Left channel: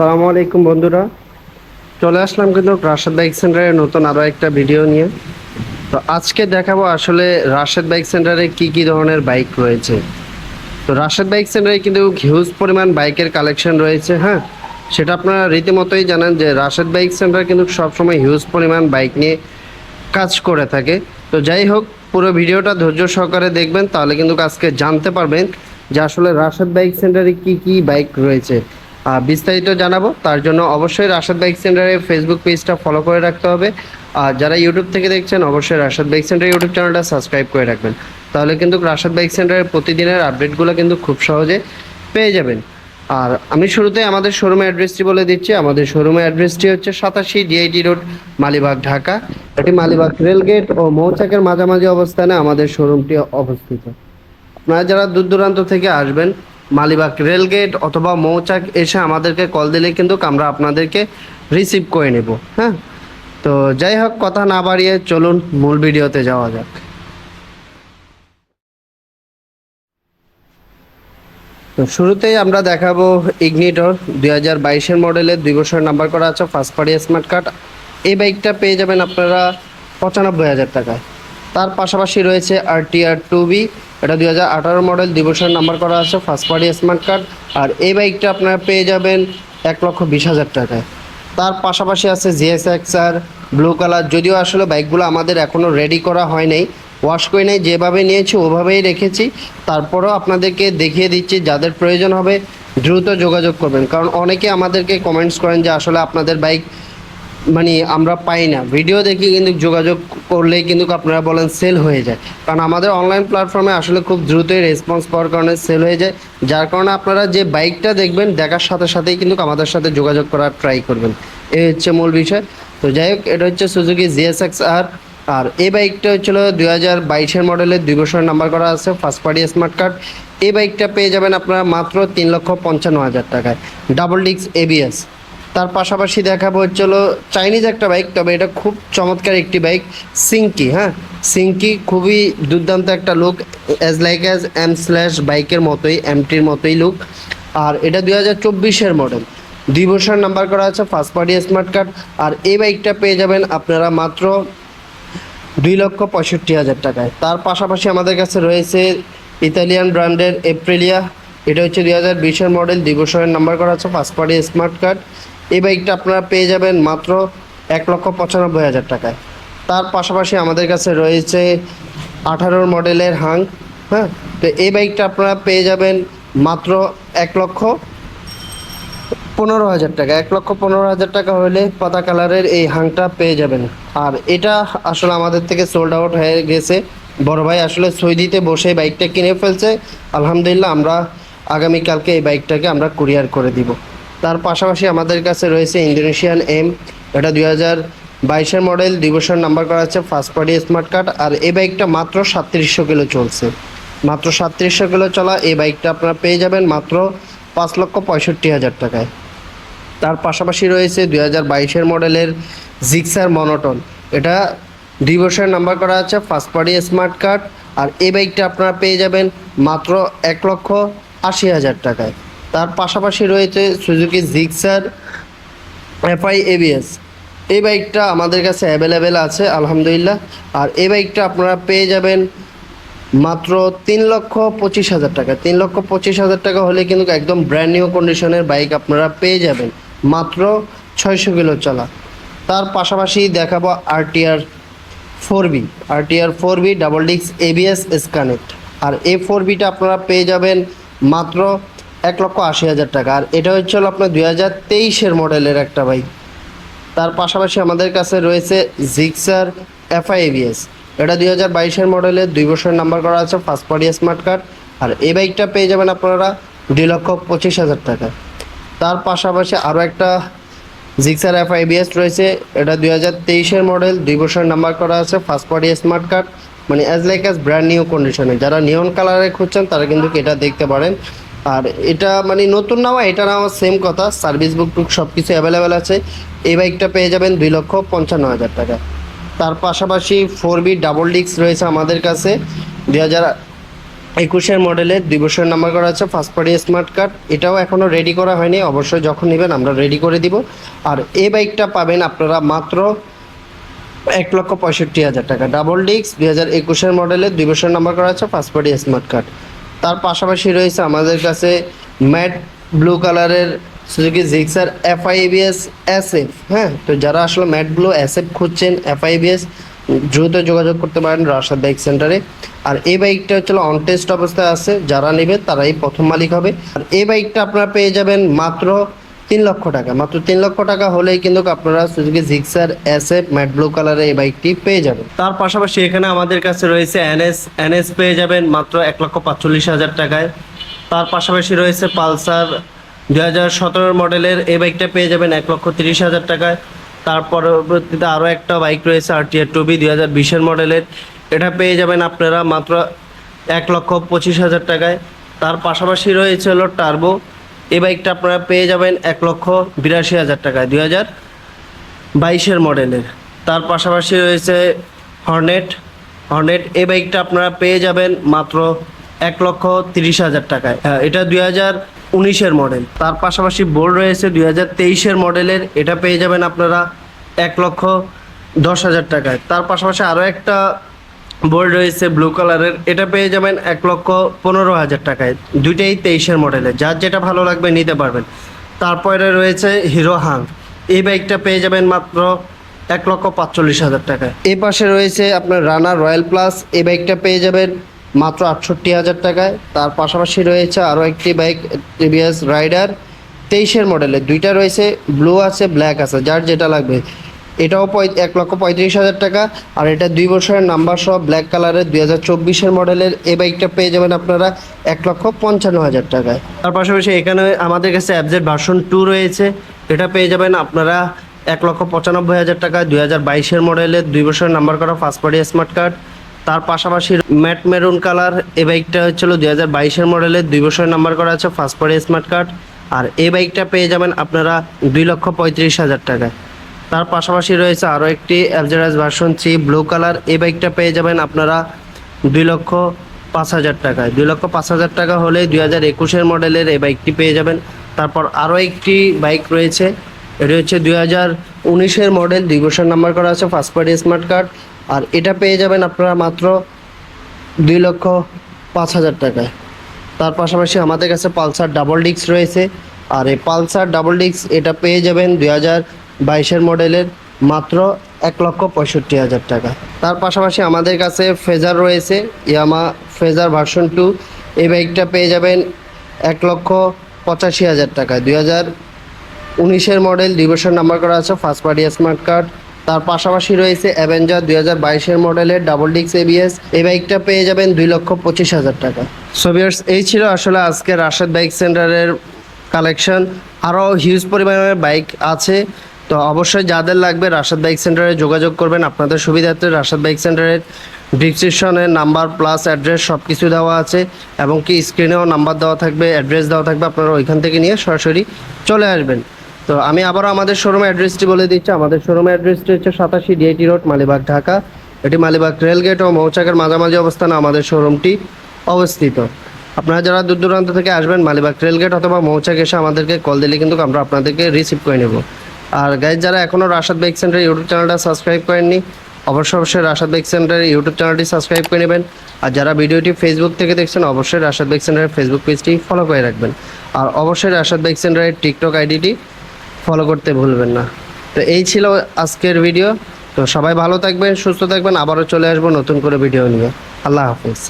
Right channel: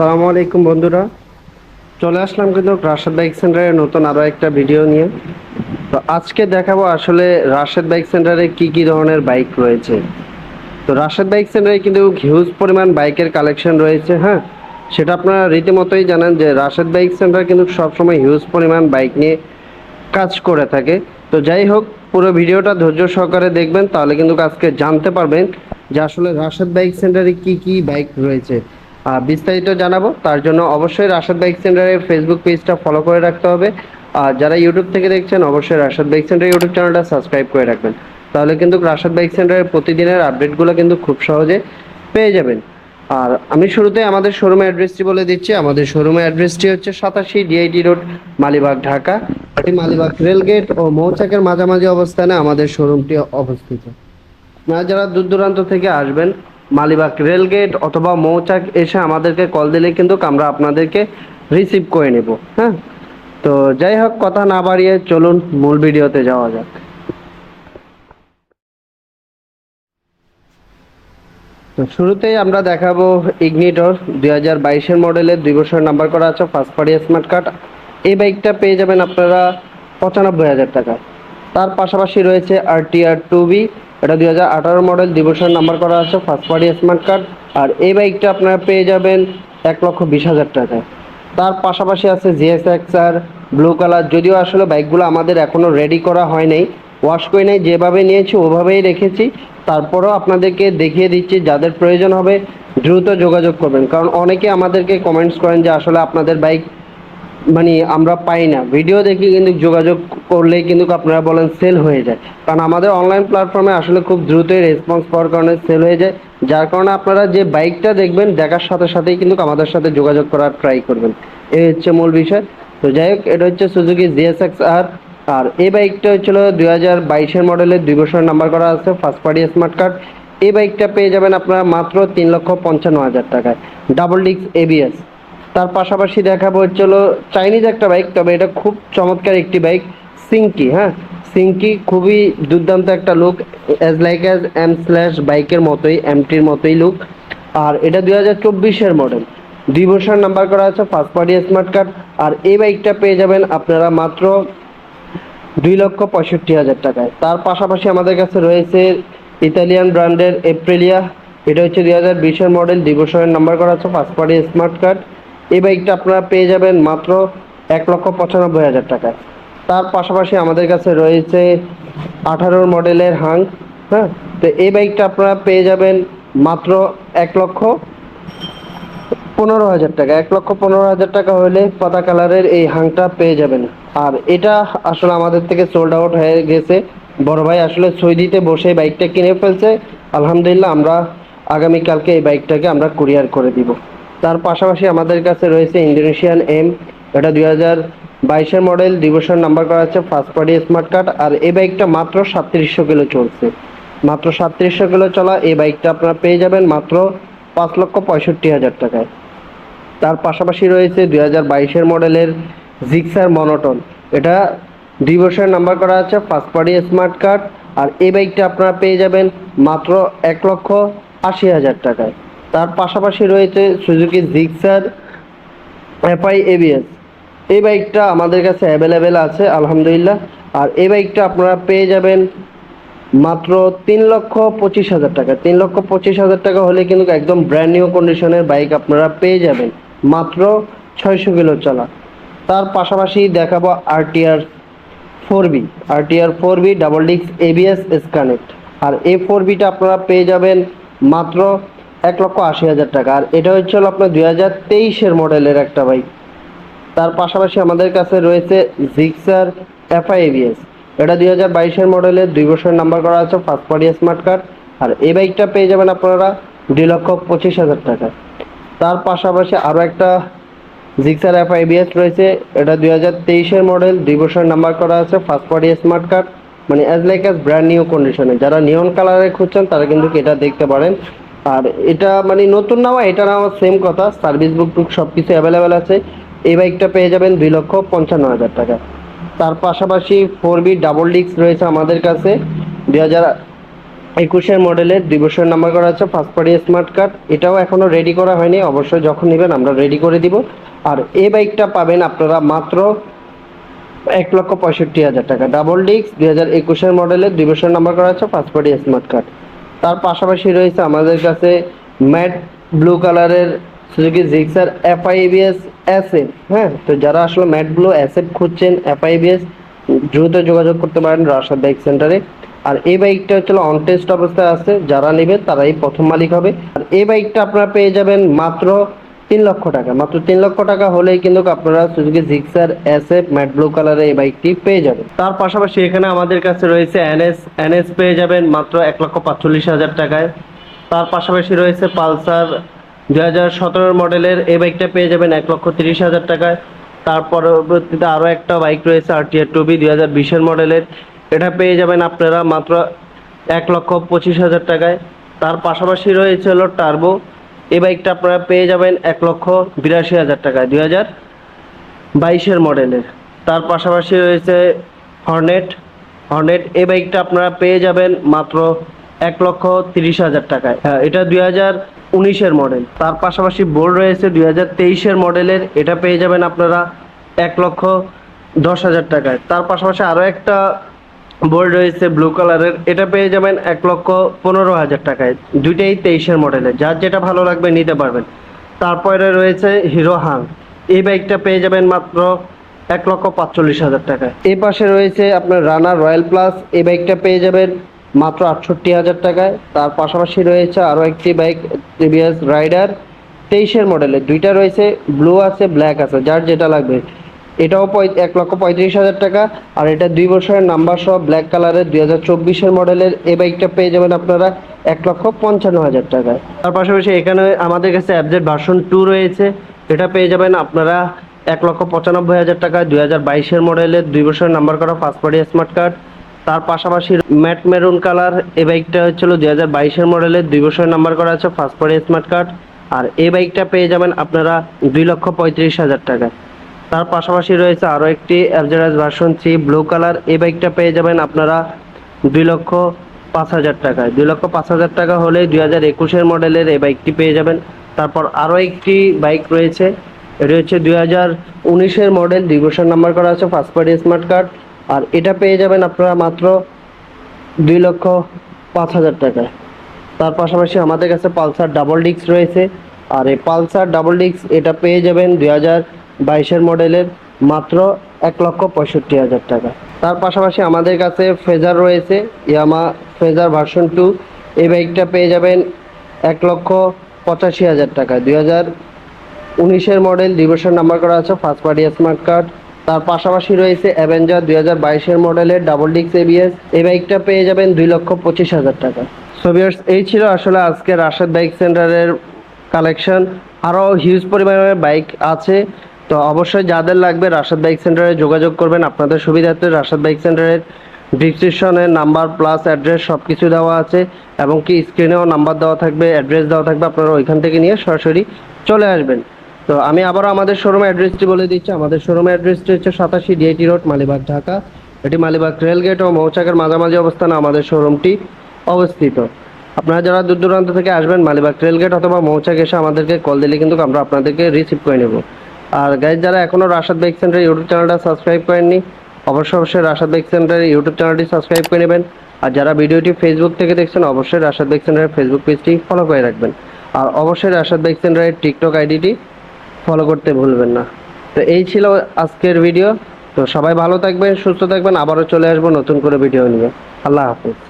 আসসালামু আলাইকুম বন্ধুরা, চলে আসলাম কিন্তু রাশেদ বাইক সেন্টারের নতুন আরও একটা ভিডিও নিয়ে। তো আজকে দেখাবো আসলে রাশেদ বাইক সেন্টারে কি কি ধরনের বাইক রয়েছে। তো রাশেদ বাইক সেন্টারে কিন্তু হিউজ পরিমাণ বাইকের কালেকশন রয়েছে। হ্যাঁ, সেটা আপনারা রীতিমতোই জানেন যে রাশেদ বাইক সেন্টার কিন্তু সবসময় হিউজ পরিমাণ বাইক নিয়ে কাজ করে থাকে। তো যাই হোক, পুরো ভিডিওটা ধৈর্য সহকারে দেখবেন, তাহলে কিন্তু আজকে জানতে পারবেন যে আসলে রাশেদ বাইক সেন্টারে কি কি বাইক রয়েছে। বিস্তারিত জানাবো, তার জন্য অবশ্যই রাশেদ বাইক সেন্টারের ফেসবুক পেজটা ফলো করে রাখতে হবে। আর যারা ইউটিউব থেকে দেখছেন, অবশ্যই রাশেদ বাইক সেন্টার ইউটিউব চ্যানেলটা সাবস্ক্রাইব করে রাখবেন, তাহলে কিন্তু রাশেদ বাইক সেন্টারের প্রতিদিনের আপডেটগুলো কিন্তু খুব সহজে পেয়ে যাবেন। আর আমি শুরুতে আমাদের শোরুমের অ্যাড্রেসটি বলে দিচ্ছি। আমাদের শোরুমের অ্যাড্রেসটি হচ্ছে 87 ডিআইটি রোড, মালিবাগ, ঢাকা। এটি মালিবাগ রেলগেট ও মৌচাকের মাঝামাঝি অবস্থানে আমাদের শোরুমটি অবস্থিত। আপনারা যারা দূর দূরান্ত থেকে আসবেন, মালিবাগ রেলগেট অথবা মৌচাক এসে আমাদেরকে কল দিলে কিন্তু আমরা আপনাদেরকে রিসিভ করে নেব। হ্যাঁ, তো যাই হোক, কথা না বাড়িয়ে চলুন মূল ভিডিওতে যাওয়া যাক। তো শুরুতেই আমরা দেখাবো ইগনিটর 2022-এর মডেলের 2 বছর নাম্বার করা আছে, ফার্স্ট পার্টি স্মার্ট কার্ড। এই বাইকটা পেয়ে যাবেন আপনারা 95,000 টাকায়। তার পাশাপাশি রয়েছে RTR 2B, এটা 2018 মডেল, 2 বছর নাম্বার করা আছে, ফার্স্ট পার্টি স্মার্ট কার্ড। আর এই বাইকটা আপনারা পেয়ে যাবেন 1,20,000 টাকায়। তার পাশাপাশি আছে GSX-R ব্লু কালার, যদিও আসলে বাইকগুলো আমাদের এখনও রেডি করা হয় নাই, ওয়াশ করে নেই, যেভাবে নিয়েছি ওভাবেই রেখেছি। তারপরেও আপনাদেরকে দেখিয়ে দিচ্ছি, যাদের প্রয়োজন হবে দ্রুত যোগাযোগ করবেন, কারণ অনেকে আমাদেরকে কমেন্টস করেন যে আসলে আপনাদের বাইক আমরা পাই না, ভিডিও দেখি কিন্তু যোগাযোগ করলেই কিন্তু আপনারা বলেন সেল হয়ে যায়। কারণ আমাদের অনলাইন প্ল্যাটফর্মে আসলে খুব দ্রুতই রেসপন্স পাওয়ার কারণে সেল হয়ে যায়, যার কারণে আপনারা যে বাইকটা দেখবেন দেখার সাথে সাথেই কিন্তু আমাদের সাথে যোগাযোগ করার ট্রাই করবেন, এই হচ্ছে মূল বিষয়। তো যাই হোক, এটা হচ্ছে সুজুকি GSX-R। আর এই বাইকটা হচ্ছিল 2022-এর মডেলের, 2 বছর নাম্বার করা আছে, ফার্স্ট পার্টি স্মার্ট কার্ড। এই বাইকটা পেয়ে যাবেন আপনারা মাত্র 3,55,000 টাকায়, ডাবল ডিস্ক ABS। তার পাশাপাশি দেখাবো হচ্ছিল চাইনিজ একটা বাইক, তবে এটা খুব চমৎকার একটি বাইক, সিঙ্কি। হ্যাঁ, সিঙ্কি খুবই দুর্দান্ত একটা লুক, অ্যাজ M/ বাইকের মতোই, MTর মতোই লুক। আর এটা 2024-এর মডেল, 2 বছর নাম্বার করা আছে, ফার্স্ট পার্টি স্মার্ট কার্ড। আর এই বাইকটা পেয়ে যাবেন আপনারা মাত্র 2,65,000 টাকায়। তার পাশাপাশি আমাদের কাছে রয়েছে ইতালিয়ান ব্র্যান্ডের এপ্রিলিয়া, এটা হচ্ছে 2020-এর মডেল, 2 বছরের নাম্বার করা আছে, ফার্স্ট পার্টি স্মার্ট কার্ড। এই বাইকটা আপনারা পেয়ে যাবেন মাত্র 1,95,000 টাকায়। তার পাশাপাশি আমাদের কাছে রয়েছে 18 মডেলের হাং। হ্যাঁ, তো এই বাইকটা আপনারা পেয়ে যাবেন মাত্র 1,15,000 টাকা। 1,15,000 টাকা হলে পাতা কালারের এই হাংটা পেয়ে যাবেন। আর এটা আসলে আমাদের থেকে সোল্ড আউট হয়ে গেছে, বড় ভাই আসলে সৌদিতে বসে বাইকটা কিনে ফেলছে। আলহামদুলিল্লাহ, আমরা আগামীকালকে এই বাইকটাকে আমরা কুরিয়ার করে দিব। তার পাশাপাশি আমাদের কাছে রয়েছে ইন্দোনেশিয়ান M, এটা 2022-এর মডেল, 2 বছর নাম্বার করা আছে, ফার্স্ট পার্টি স্মার্ট কার্ড। আর এই বাইকটা মাত্র 3700 কিলো চলছে, মাত্র 3700 কিলো চলা এই বাইকটা আপনারা পেয়ে যাবেন মাত্র 5,65,000 টাকায়। তার পাশাপাশি রয়েছে 2022-এর মডেলের জিক্সার মনোটন, এটা 2 বছরের নাম্বার করা আছে, ফার্স্ট পার্টি স্মার্ট কার্ড। আর এই বাইকটা আপনারা পেয়ে যাবেন মাত্র 1,80,000 টাকায়। তার পাশাপাশি রয়েছে সুজুকি জিক্সার FI ABS, এই বাইকটা আমাদের কাছে অ্যাভেলেবেল আছে আলহামদুলিল্লাহ। আর এই বাইকটা আপনারা পেয়ে যাবেন মাত্র 3,25,000 টাকা। 3,25,000 টাকা হলে কিন্তু একদম ব্র্যান্ড নিউ কন্ডিশনের বাইক আপনারা পেয়ে যাবেন, মাত্র 600 কিলো চলা। তার পাশাপাশি দেখাবো RTR 4B double disc ABS connect. আর এই 4Bটা আপনারা পেয়ে যাবেন মাত্র 1,80,000 টাকা। আর এটা হচ্ছে আপনার 2023-এর মডেলের একটা বাইক। তার পাশাপাশি আমাদের কাছে রয়েছে জিক্সার FI ABS, এটা 2022-এর মডেলের, 2 বছর নাম্বার করা আছে, ফার্স্ট পার্টি স্মার্ট কার্ড। আর এই বাইকটা পেয়ে যাবেন আপনারা 2,25,000 টাকা। তার পাশাপাশি আরও একটা জিক্সার FI ABS রয়েছে, এটা 2023-এর মডেল, 2 বছর নাম্বার করা আছে, first party smart card, as brand new কন্ডিশনে। যারা নিয়ন কালারে খুঁজছেন তারা কিন্তু এটা দেখতে পারেন। আর এটা নতুন নেওয়া, এটা নেওয়া সেম কথা, সার্ভিস বুক টুক সব কিছু অ্যাভেলেবেল আছে। এই বাইকটা পেয়ে যাবেন 2,55,000 টাকা। তার পাশাপাশি 4B ডাবল ডিস্ক রয়েছে আমাদের কাছে, 21-এর মডেলের 2 বছরের নাম্বার করা আছে, ফার্স্ট পার্টি স্মার্ট কার্ড। এটাও এখনও রেডি করা হয়নি, অবশ্যই যখন নেবেন আমরা রেডি করে দিব। আর এই বাইকটা পাবেন আপনারা মাত্র 1,65,000 টাকা। ডাবল ডিস্ক 2021-এর মডেলের 2 বছরের নাম্বার করা আছে, ফার্স্ট পার্টি স্মার্ট কার্ড। তার পাশাপাশি রয়েছে আমাদের কাছে ম্যাট ব্লু কালারের সুজুকি জিক্সার FI-ABS SF। হ্যাঁ, তো যারা আসলে ম্যাট ব্লু SF খুঁজছেন, FI-ABS, দ্রুত যোগাযোগ করতে পারেন রাশাদ বাইক সেন্টারে। আর এই বাইকটা হচ্ছে অন টেস্ট অবস্থায় আছে, যারা নেবে তারাই প্রথম মালিক হবে। আর এই বাইকটা আপনারা পেয়ে যাবেন মাত্র 3 লক্ষ টাকা। মাত্র 3 লক্ষ টাকা হলেই কিন্তু আপনারা Suzuki Gixxer SF matte blue কালারের এই বাইকটি পেয়ে যাবেন। তার পাশাপাশি এখানে আমাদের কাছে রয়েছে NS পেয়ে যাবেন মাত্র 1,45,000 টাকায়। তার পাশাপাশি রয়েছে পালসার 2017 মডেলের এই বাইকটা পেয়ে যাবেন 1,30,000 টাকায়। তার পরবর্তীতে আরও একটা বাইক রয়েছে RTR 2B 2020-এর মডেলের, এটা পেয়ে যাবেন আপনারা মাত্র 1,25,000 টাকায়। তার পাশাপাশি রয়েছে হলো টার্বো, এই বাইকটা আপনারা পেয়ে যাবেন 1,82,000 টাকায় 2022-এর মডেলের। তার পাশাপাশি রয়েছে হর্নেট এই বাইকটা আপনারা পেয়ে যাবেন মাত্র 1,30,000 টাকায়। এটা 2019-এর মডেল। তার পাশাপাশি বোল্ট রয়েছে 2023-এর মডেলের, এটা পেয়ে যাবেন আপনারা 1,10,000 টাকায়। তার পাশাপাশি আরও একটা বোল্ট রয়েছে ব্লু কালারের, এটা পেয়ে যাবেন 1,15,000 টাকায়। দুইটাই 23-এর মডেলের, যার যেটা ভালো লাগবে নিতে পারবেন। তারপরে রয়েছে হিরো হাং, এই বাইকটা পেয়ে যাবেন মাত্র 1,45,000 টাকায়। এই পাশে রয়েছে আপনার রানার রয়্যাল প্লাস, এই বাইকটা পেয়ে যাবেন মাত্র 68,000 টাকায়। তার পাশাপাশি রয়েছে আরও একটি বাইক TVS রাইডার 23-এর মডেলের, দুইটা রয়েছে, ব্লু আছে ব্ল্যাক আছে, যার যেটা লাগবে। এটাও 1,35,000 টাকা। আর এটা 2 বছরের নাম্বার সহ ব্ল্যাক কালারের 2024-এর মডেলের, এই বাইকটা পেয়ে যাবেন আপনারা 1,55,000 টাকায়। তার পাশাপাশি এখানে আমাদের কাছে FZ ভার্সন 2 রয়েছে, এটা পেয়ে যাবেন আপনারা 1,95,000 টাকা। 2022-এর মডেলের 2 বছরের নাম্বার করা ফার্স্ট পার্টি স্মার্ট কার্ড। তার পাশাপাশি ম্যাট মেরুন কালার, এই বাইকটা হচ্ছিল 2022-এর মডেলের 2 বছরের নাম্বার করা আছে, ফার্স্ট পার্টি স্মার্ট কার্ড। আর এই বাইকটা পেয়ে যাবেন আপনারা 2,35,000 টাকায়। তার পাশাপাশি রয়েছে আরও একটি FZ ভার্সন 3 ব্লু কালার, এই বাইকটা পেয়ে যাবেন আপনারা 2,05,000 টাকায়। 2,05,000 টাকা হলে 2021-এর মডেলের এই বাইকটি পেয়ে যাবেন। তারপর আরও একটি বাইক রয়েছে, এটি হচ্ছে 2019-এর মডেল, 2 বছর নাম্বার করা আছে, ফার্স্ট পার্টি স্মার্ট কার্ড। আর এটা পেয়ে যাবেন আপনারা মাত্র 2,05,000 টাকায়। তার পাশাপাশি আমাদের কাছে পালসার ডাবল ডিস্ক রয়েছে, আর এই পালসার ডাবল ডিস্ক এটা পেয়ে যাবেন 2022-এর মডেলের মাত্র 1,65,000 টাকা। তার পাশাপাশি আমাদের কাছে ফেজার রয়েছে, ইয়ামা ফেজার ভার্সন 2, এই বাইকটা পেয়ে যাবেন 1,85,000 টাকায়। 2019-এর মডেল, 2 বছর নাম্বার করা আছে, ফার্স্ট পার্টি স্মার্ট কার্ড। তার পাশাপাশি রয়েছে অ্যাভেঞ্জার 2022-এর মডেলের ডাবল ডিস্ক ABS, এই বাইকটা পেয়ে যাবেন 2,25,000 টাকা। সো ভিউয়ার্স, এই ছিল আসলে আজকে রাশাদ বাইক সেন্টারের কালেকশন। আরও হিউজ পরিমাণের বাইক আছে, তো অবশ্যই যাদের লাগবে রাশাদ বাইক সেন্টারে যোগাযোগ করবেন। আপনাদের সুবিধার্থে রাশাদ বাইক সেন্টারের ডিসক্রিপশনে নাম্বার প্লাস অ্যাড্রেস সব কিছু দেওয়া আছে, এবং কি স্ক্রিনেও নাম্বার দেওয়া থাকবে, অ্যাড্রেস দেওয়া থাকবে, আপনারা ওইখান থেকে নিয়ে সরাসরি চলে আসবেন। তো আমি আবারও আমাদের শোরুমের অ্যাড্রেসটি বলে দিচ্ছি। আমাদের শোরুমের অ্যাড্রেসটি হচ্ছে 87 DIT রোড, মালিবাগ, ঢাকা। এটি মালিবাগ রেলগেট ও মৌচাকের মাঝামাঝি অবস্থানে আমাদের শোরুমটি অবস্থিত। আপনারা যারা দূর দূরান্ত থেকে আসবেন, মালিবাগ রেলগেট অথবা মৌচাক এসে আমাদেরকে কল দিলে কিন্তু আমরা আপনাদেরকে রিসিভ করে নেব। আর গাইজ, যারা এখনও রাশাদ বাইক সেন্টার ইউটিউব চ্যানেলটা সাবস্ক্রাইব করেননি, অবশ্যই রাশাদ বাইক সেন্টারের ইউটিউব চ্যানেলটি সাবস্ক্রাইব করে নেবেন। আর যারা ভিডিওটি ফেসবুক থেকে দেখছেন, অবশ্যই রাশাদ বাইক সেন্টারের ফেসবুক পেজটি ফলো করে রাখবেন। আর অবশ্যই রাশাদ বাইক সেন্টারের টিকটক আইডিটি ফলো করতে ভুলবেন না। তো এই ছিল আজকের ভিডিও। তো সবাই ভালো থাকবেন, সুস্থ থাকবেন, আবারও চলে আসবো নতুন করে ভিডিও নিয়ে। আল্লাহ হাফিজ।